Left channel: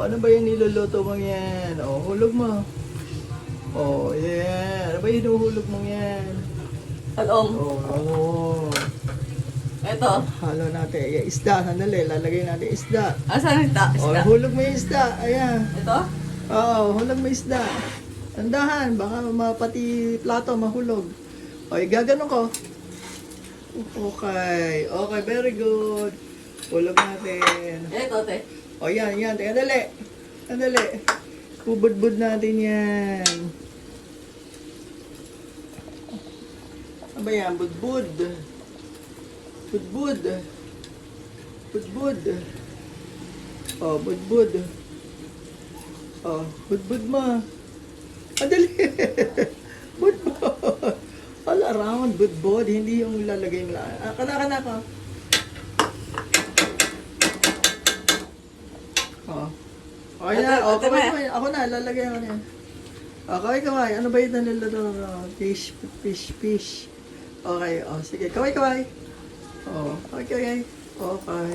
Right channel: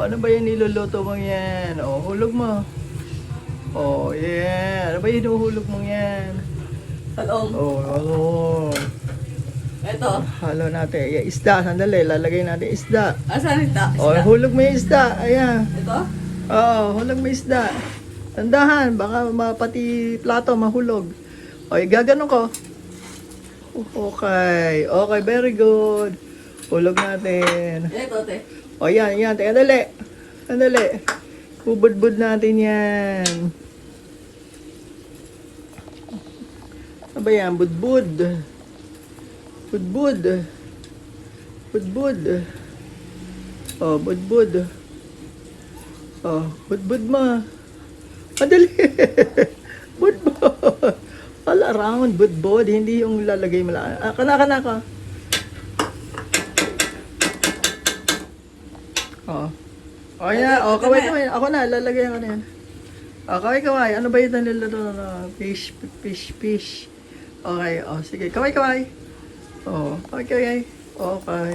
Ano ba yung niluluto mong yan? O, hulog mo. O, yan. Ano ba yung hinuhulog mong yan? Talong. O, Ito. halo natin. Yung isda, sandali. Lalagay natin isda. Asan ito? O, hulog mo yung isda. Ayan. Ito? Oo, hulog mo yung isda. Tandahan, baka pati plato mahulog. O, gaganon ko. Okay. Okay, very good. Hulog natin. Ito, te. O yan, yan. Teka, dali. Sandali. Kubud-bud natin yan. Ano ba yan? Budbud. Budbud. Budbud. O, budbud. O, budbud mo. Madali. Budbud. All around, budbud. Hindi yung lalagay mo lang. Kana ka. O yan, kaway. Ako na, lalagay ko na yan. Kaway. Ano ba yung niluluto? Fish. Okay, sige. Kaway. Kaway. Okay.